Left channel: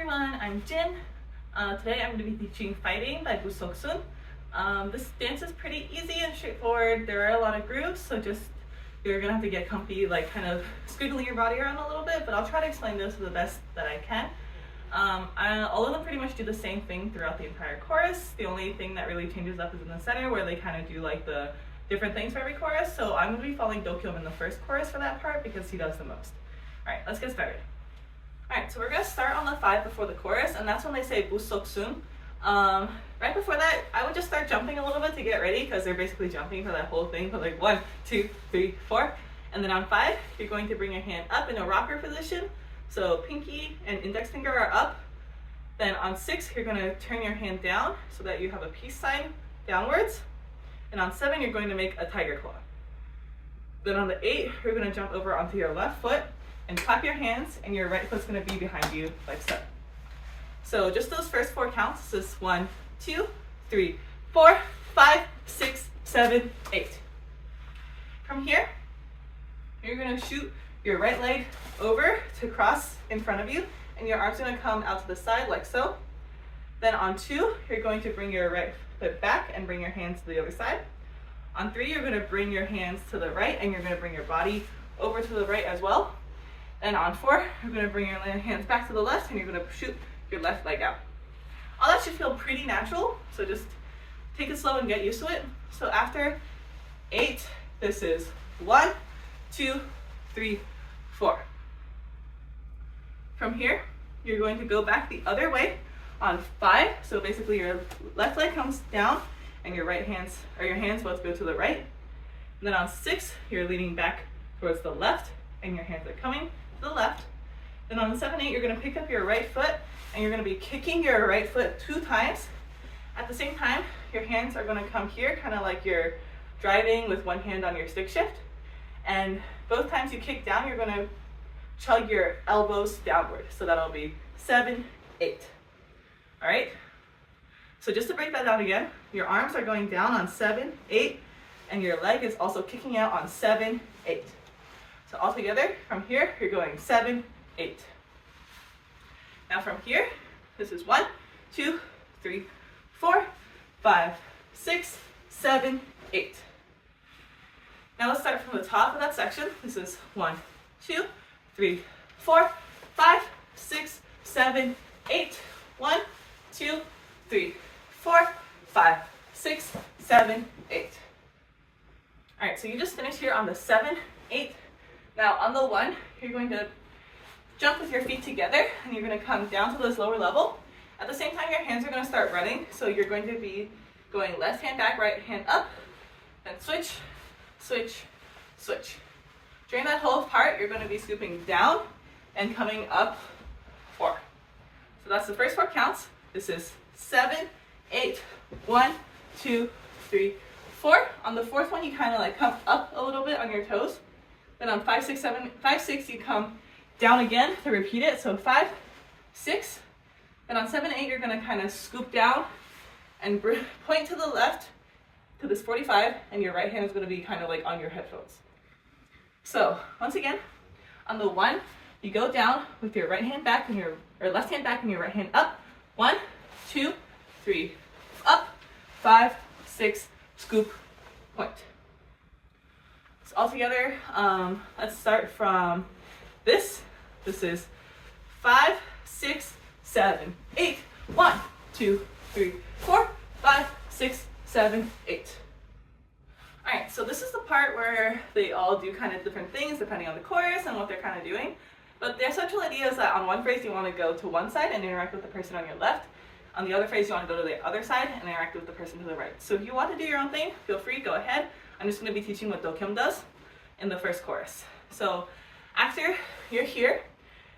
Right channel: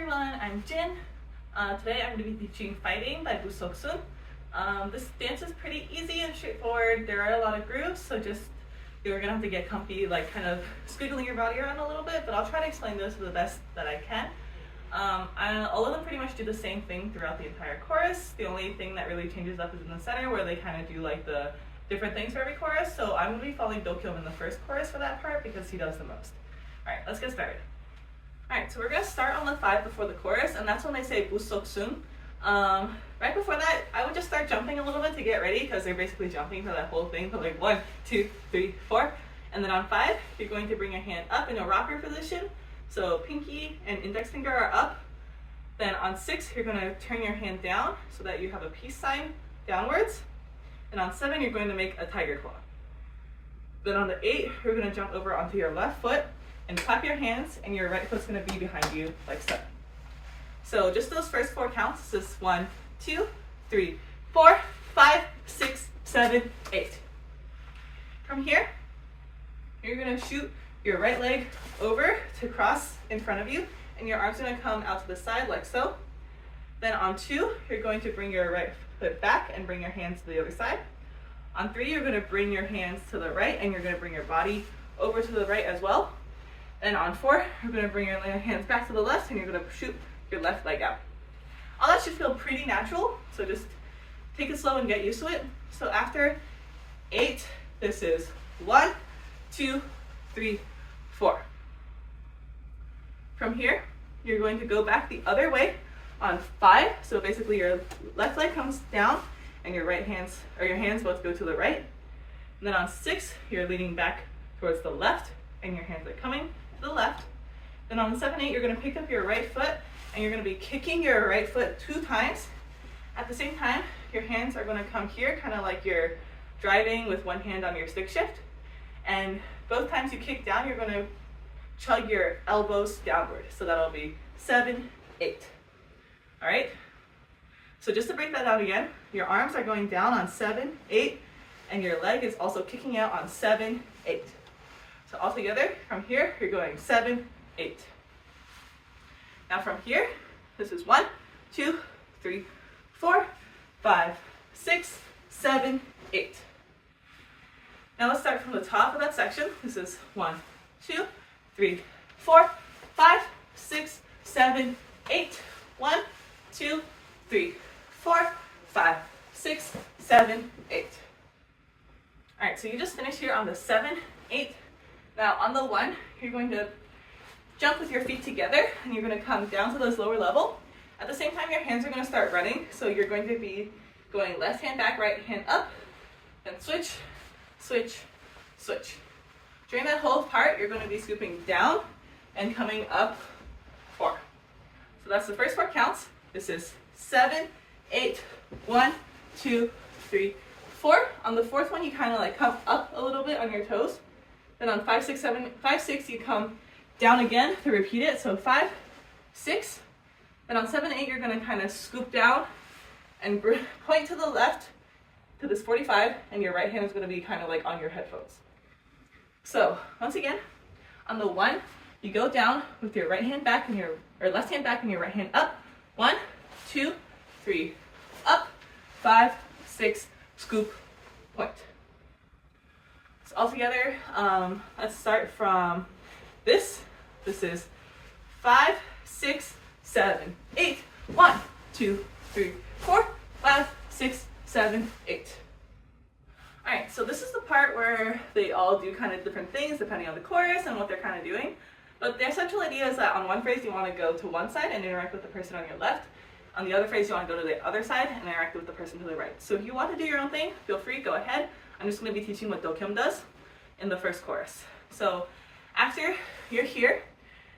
everyone, I'm Jin. Today I'm going to be teaching Fighting by Booseoksoon. This dance is pretty easy and straightforward. There are a lot of grooves, so you're going to have to get comfy, like kind of squiggling your body around a little bit, but I'll try to explain this the best that I can. All of them pretty much do the same thing throughout the entire chorus. The only thing that really changes up is in the center, where they kind of do like the different things for every chorus. So I'm going to be following Dokyum in the first chorus for that part because he does the most. Alright, let's get started. Alright, so we're going to start on the 5 before the chorus, and that's when they say booseoksoon. Right before that, I would just start jumping a little bit to get ready, because they're basically jumping for that whole thing, for like 1, 2, 3, 4. And then on 5, you're going to bring your hand up in a rocker position. So pinky and index finger are up. Then on 6, you're going to turn your hand down so that you have a peace sign downwards. And on 7, you're going to make a tiger claw. Then on the 8, you're going to jump over onto your left foot and clap your hands, and your right foot's going to be behind you like so. So just those first 4 counts. This is 1, 2, 3, 4, 5, 6, 7, 8. From here, you're going to shoot your right leg over to cross in front of you, and your arm's going to come out to the side like so. Then on 2, you're going to bring your right foot back and bring your hands to the other side. On 3, you're going to bring your hands to the right, and you're going to bring your body over to the right as well. And on 4, you're going to bring your hands back to the left, and you're going to shoot your left leg out. All that should feel pretty natural, so just take it slow and get used to it. So after 8, this is 1, 2, 3, 4. From here, you're going to go back the other way on 5. So basically your left leg comes down, and your hands both go to the right. And then on 6, you're leaning back towards the left, and your hands are coming to the left. Then on 7, 8, you're going to pick up your right foot, and you're going to be kicking your right foot 2 times. At the same time, your hands are going to come here, kind of like you're driving with one hand on your stick shift. And both times you kick down, you're going to chug your elbows downward. So that'll be 7, 8. All right? So just to break that down again, your arms are going down on 7, 8, and your leg is also kicking out on 7, 8. So all together, from here, you're going 7, 8. Now from here, this is 1, 2, 3, 4, 5, 6, 7, 8. Now let's start from the top of that section. This is 1, 2, 3, 4, 5, 6, 7, 8. 1, 2, 3, 4, 5, 6, 7, 8. All right, so you just finished here on the 7, 8. Now on the 1, you're going to jump with your feet together, and you're going to come down to this lower level. At the same time, your hands are going to start running, so you're going to be going left hand back, right hand up, then switch, switch, switch. During that whole part, you're going to be scooping down and coming up 4. So that's the first 4 counts. This is 7, 8, 1, 2, 3, 4. On the 4th one, you kind of like come up a little bit on your toes. Then on 5, 6, 7, 5, 6, you come down again to repeat it. So 5, 6. Then on 7, 8, you're going to kind of scoop down and point to the left to this 45, and your right hand is going to be kind of like on your headphones. So once again, on the 1, you go down with your right hand back and left hand back and your right hand up. 1, 2, 3, up, 5, 6, scoop, point. So all together, let's start from this. This is 5, 6, 7, 8. 1, 2, 3, 4, 5, 6, 7, 8. All right, so this is the part where they all do kind of different things depending on the chorus and what they're kind of doing. But the essential idea is that on one phrase, you want to go to one side and interact with the person on your left. On the other phrase, you want to go to the other side and interact with the person to the right. So if you want to do your own thing, feel free, go ahead. I'm just going to be teaching what Dokyum does in the first chorus. So after you're here,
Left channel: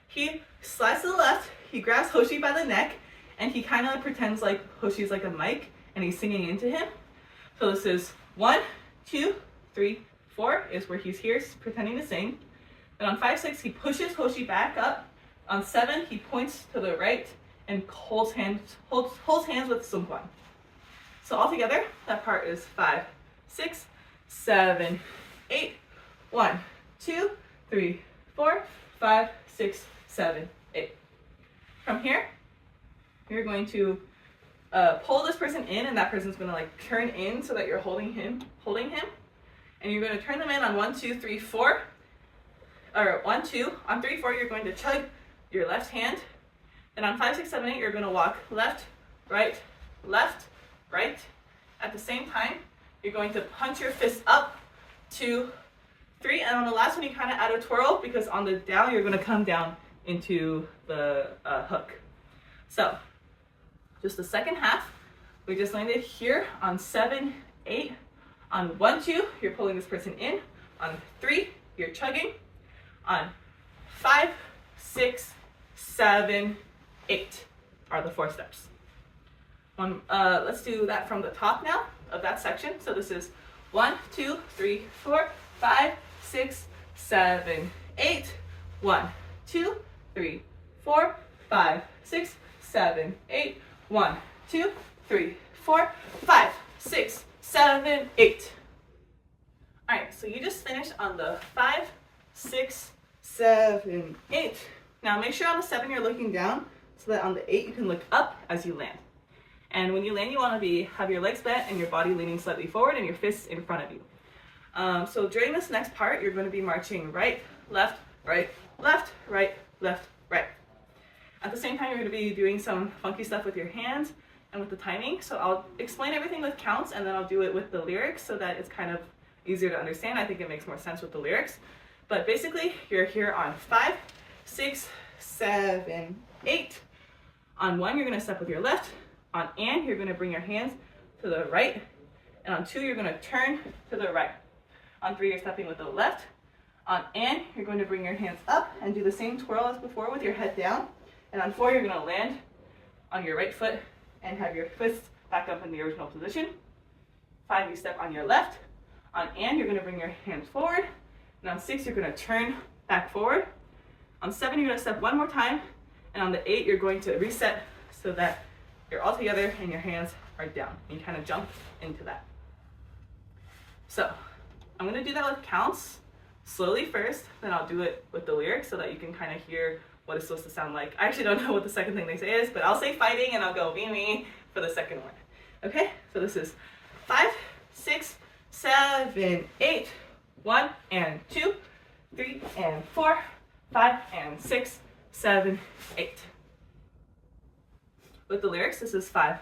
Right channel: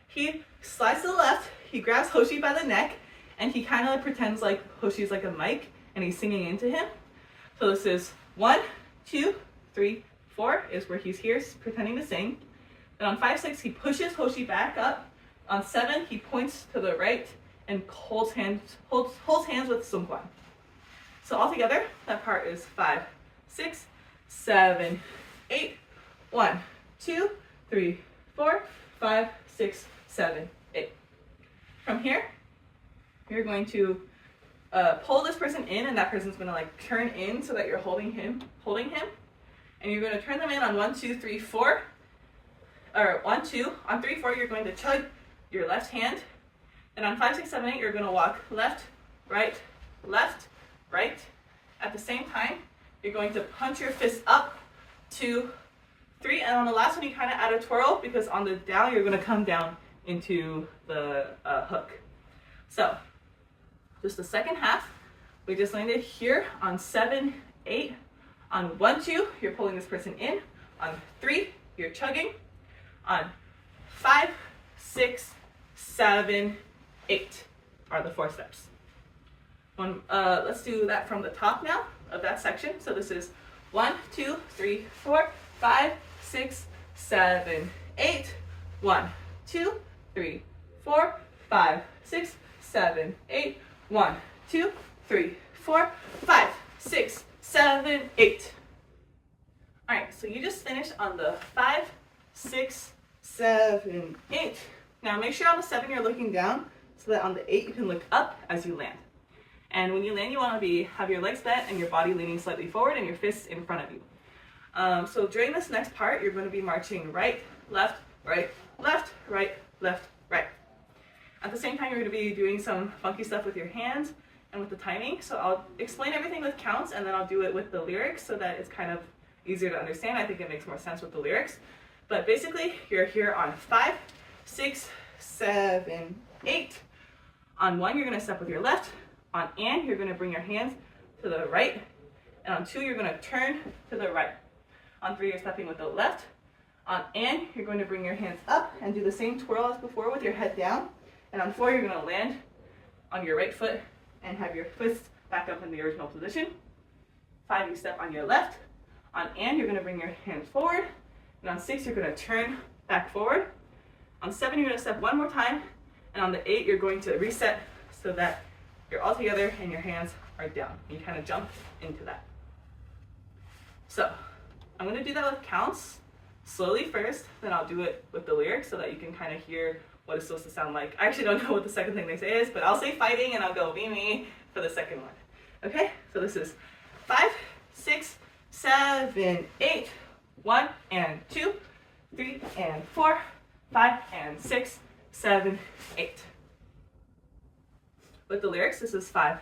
he slides to the left, he grabs Hoshi by the neck, and he kind of pretends like Hoshi's like a mic, and he's singing into him. So this is 1, 2, 3, 4 is where he's here pretending to sing. Then on 5, 6, he pushes Hoshi back up. On 7, he points to the right and holds hands with Sungkwan. So all together, that part is 5, 6, 7, 8. 1, 2, 3, 4, 5, 6, 7, 8. From here, you're going to pull this person in, and that person's going to like turn in so that you're holding him, and you're going to turn them in on 1, 2, 3, 4, or 1, 2. On 3, 4, you're going to chug your left hand, and on 5, 6, 7, 8, you're going to walk left, right. At the same time, you're going to punch your fist up, 2, 3, and on the last one, you kind of add a twirl because on the down, you're going to come down into the hook. So, just the second half, we just landed here on 7, 8. On 1, 2, you're pulling this person in. On 3, you're chugging. On 5, 6, 7, 8 are the 4 steps. Let's do that from the top now of that section. So this is 1, 2, 3, 4, 5, 6, 7, 8. 1, 2, 3, 4, 5, 6, 7, 8. 1, 2, 3, 4, 5, 6, 7, 8. All right, so you just finished on the 5, 6, 7, 8. Now make sure on the 7 you're looking down so that on the 8 you can look up as you land. And when you land, you want to have your legs bent and your body leaning slightly forward and your fists in front of you. So during this next part, you're going to be marching right, left, right, left, right, left, right. At the same time, you're going to be doing some funky stuff with your hands and with the timing. So I'll explain everything with counts, and then I'll do it with the lyrics so that it's kind of easier to understand. I think it makes more sense with the lyrics. But basically, you're here on 5, 6, 7, 8. On 1, you're going to step with your left. On and, you're going to bring your hands to the right. And on 2, you're going to turn to the right. On 3, you're stepping with the left. On and, you're going to bring your hands up and do the same twirl as before with your head down. And on 4, you're going to land on your right foot and have your fists back up in the original position. 5, you step on your left. On and, you're going to bring your hands forward. And on 6, you're going to turn back forward. On 7, you're going to step one more time. And on the 8, you're going to reset so that you're all together and your hands are down. You kind of jump into that. So I'm going to do that with counts slowly first, then I'll do it with the lyrics so that you can kind of hear what it's supposed to sound like. I actually don't know what the second thing they say is, but I'll say fighting and I'll go me for the second one. Okay, so this is 5, 6, 7, 8. 1 and 2, 3 and 4, 5 and 6, 7, 8. With the lyrics, this is 5,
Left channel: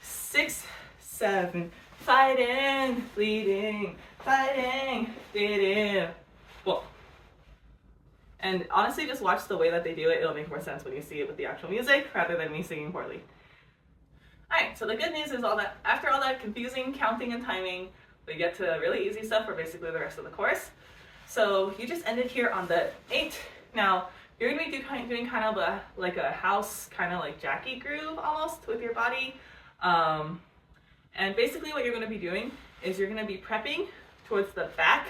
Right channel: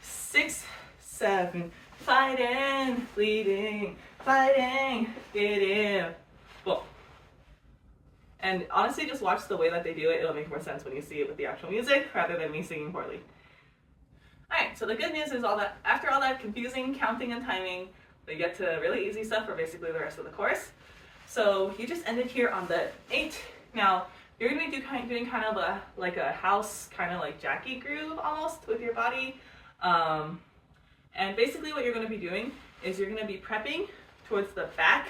6, 7, fighting, bleeding, fighting, getting, well. And honestly, just watch the way that they do it. It'll make more sense when you see it with the actual music rather than me singing poorly. All right, so the good news is after all that confusing counting and timing, we get to really easy stuff for basically the rest of the course. So you just ended here on the 8. Now, you're going to be doing kind of like a house, kind of like Jackie groove almost with your body. And basically what you're going to be doing is you're going to be prepping towards the back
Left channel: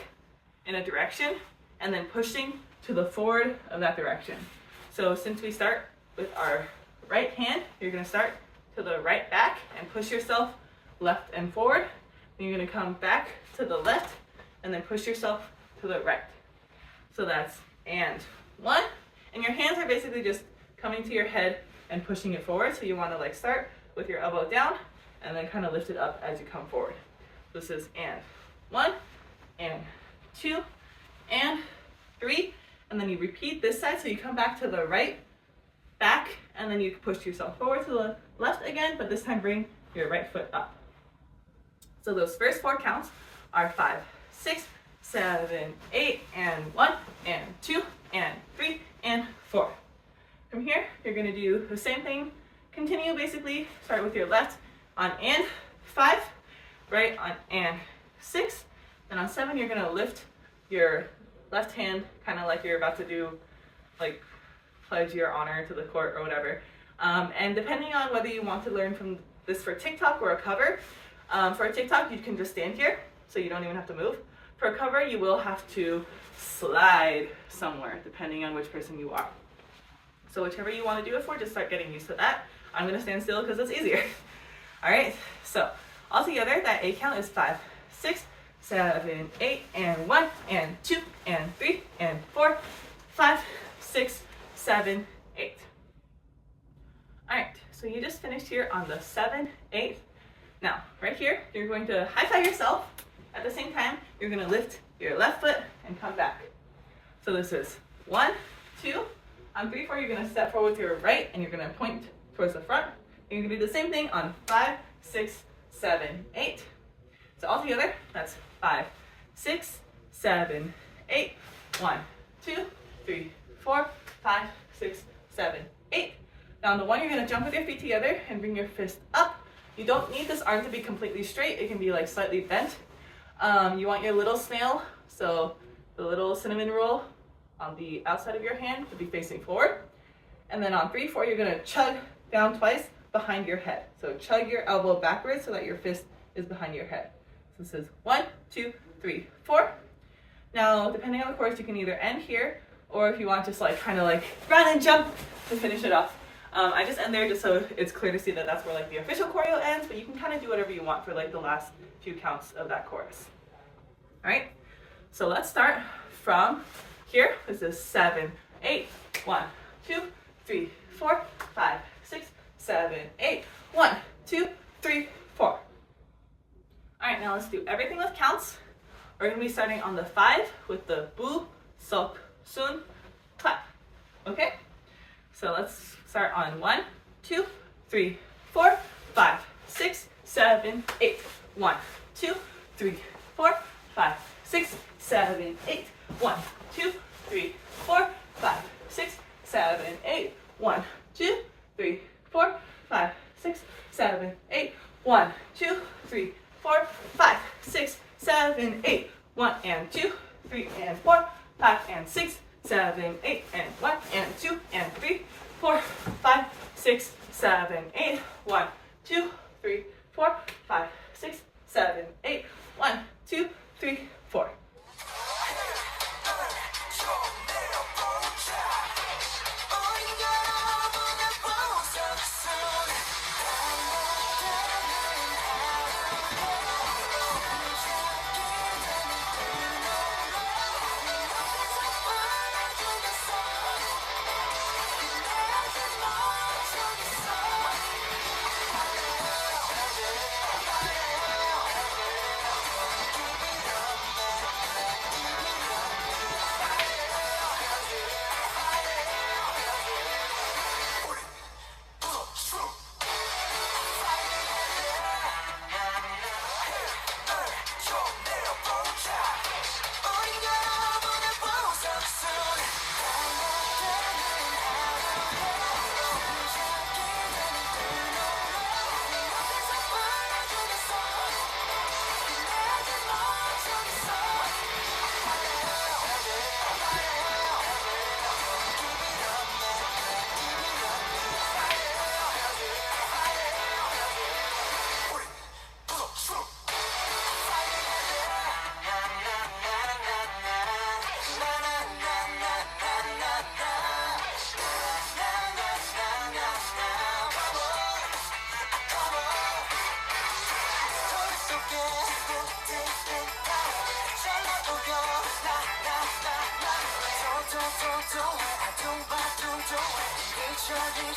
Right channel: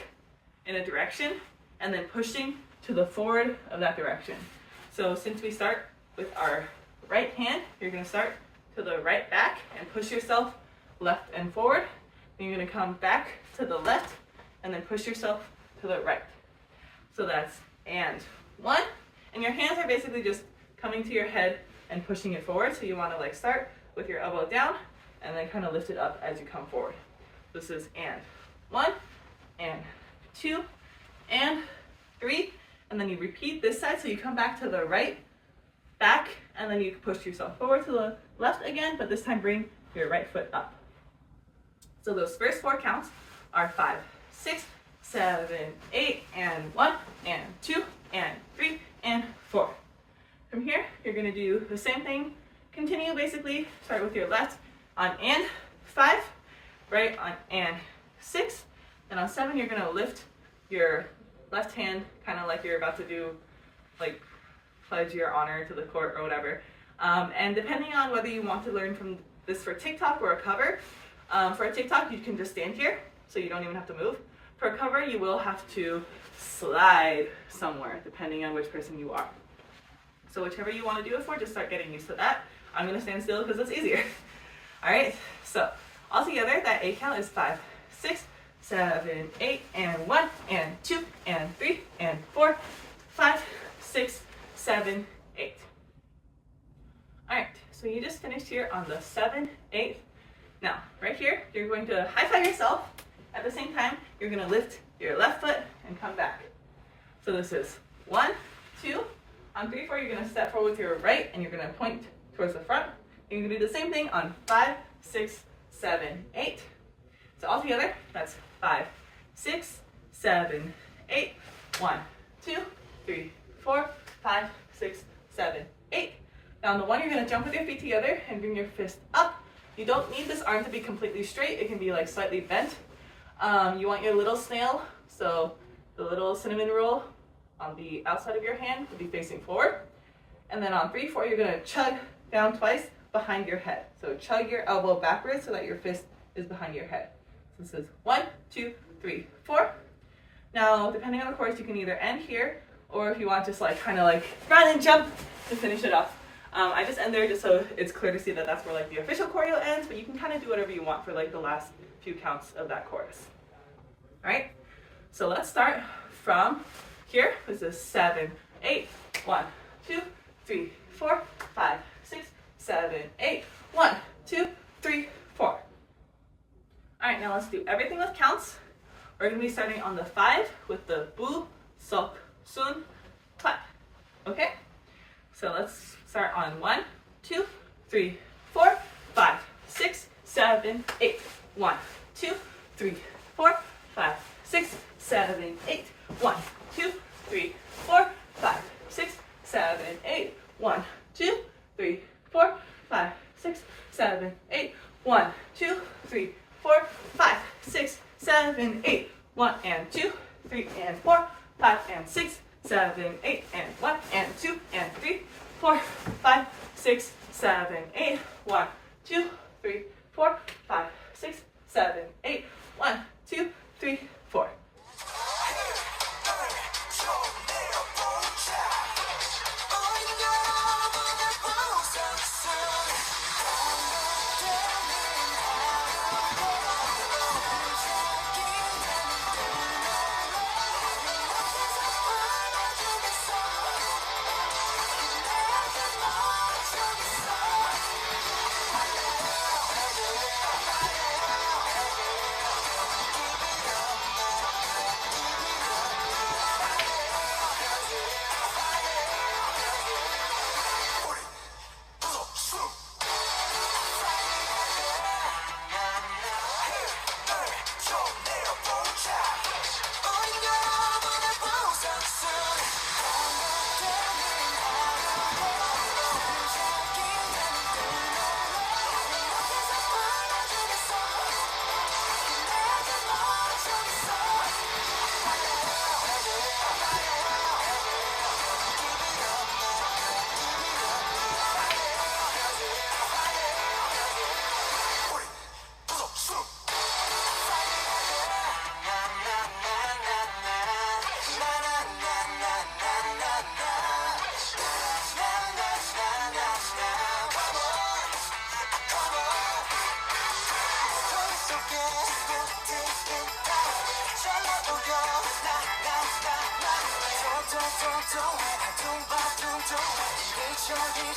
in a direction and then pushing to the forward of that direction. So since we start with our right hand, you're going to start to the right back and push yourself left and forward. Then you're going to come back to the left and then push yourself to the right. So that's and 1. And your hands are basically just coming to your head and pushing it forward. So you want to like start with your elbow down and then kind of lift it up as you come forward. This is and 1 and 2 and 3. And then you repeat this side. So you come back to the right, back, and then you push yourself forward to the left again, but this time bring your right foot up. So those first 4 counts are 5, 6, 7, 8, and 1, and 2, and 3, and 4. From here, you're going to do the same thing. Continue basically, start with your left on and 5, right on and 6, and on 7, you're going to lift your left hand, kind of like you're about to do, like, pledge your honor to the court or whatever. And depending on whether you want to learn from this for TikTok or a cover, for a TikTok, you can just stand here, so you don't even have to move. For a cover, you will have to slide somewhere, depending on which person you are. So whichever you want to do it for, just start getting used to that. I'm going to stand still because it's easier. All right, so all together, that 8 count is 5, 6, 7, 8, and 1, and 2, and 3, and 4, 5, 6, 7, 8. So you just finished here on the 7, 8. Now, right here, you're going to high five yourself. At the same time, you're going to lift your left foot and come back. So this is 1, 2. On 3, 4, you're going to step forward with your right and you're going to point towards the front. And you're going to do the same thing on 5, 6, 7, 8. So all together, that's 5, 6, 7, 8. 1, 2, 3, 4, 5, 6, 7, 8. Now on the 1, you're going to jump with your feet together and bring your fist up. You don't need this arm to be completely straight. It can be like slightly bent. You want your little snail, so the little cinnamon roll on the outside of your hand to be facing forward. And then on 3, 4, you're going to chug down twice behind your head. So chug your elbow backwards so that your fist is behind your head. So this is 1, 2, 3, 4. Now, depending on the course, you can either end here, or if you want just like kind of like run and jump to finish it off. I just end there just so it's clear to see that that's where like the official choreo ends, but you can kind of do whatever you want for like the last few counts of that chorus. All right, so let's start from here. This is 7, 8. 1, 2, 3, 4, 5, 6, 7, 8. 1, 2, 3, 4. All right, now let's do everything with counts. We're going to be starting on the 5 with the booseoksoon clap. Okay? So let's start on 1, 2, 3, 4, 5, 6, 7, 8. 1, 2, 3, 4, 5, 6, 7, 8. 1, 2, 3, 4, 5, 6, 7, 8. 1, 2, 3, 4, 5, 6, 7, 8. 1, 2, 3, 4, 5, 6, 7, 8. 1 and 2, 3 and 4, 5 and 6, 7, 8 and 1 and 2 and 3, 4, 5, 6, 7, 8. 1, 2, 3, 4, 5, 6, 7, 8. 1, 2, 3, 4.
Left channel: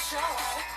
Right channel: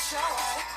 Show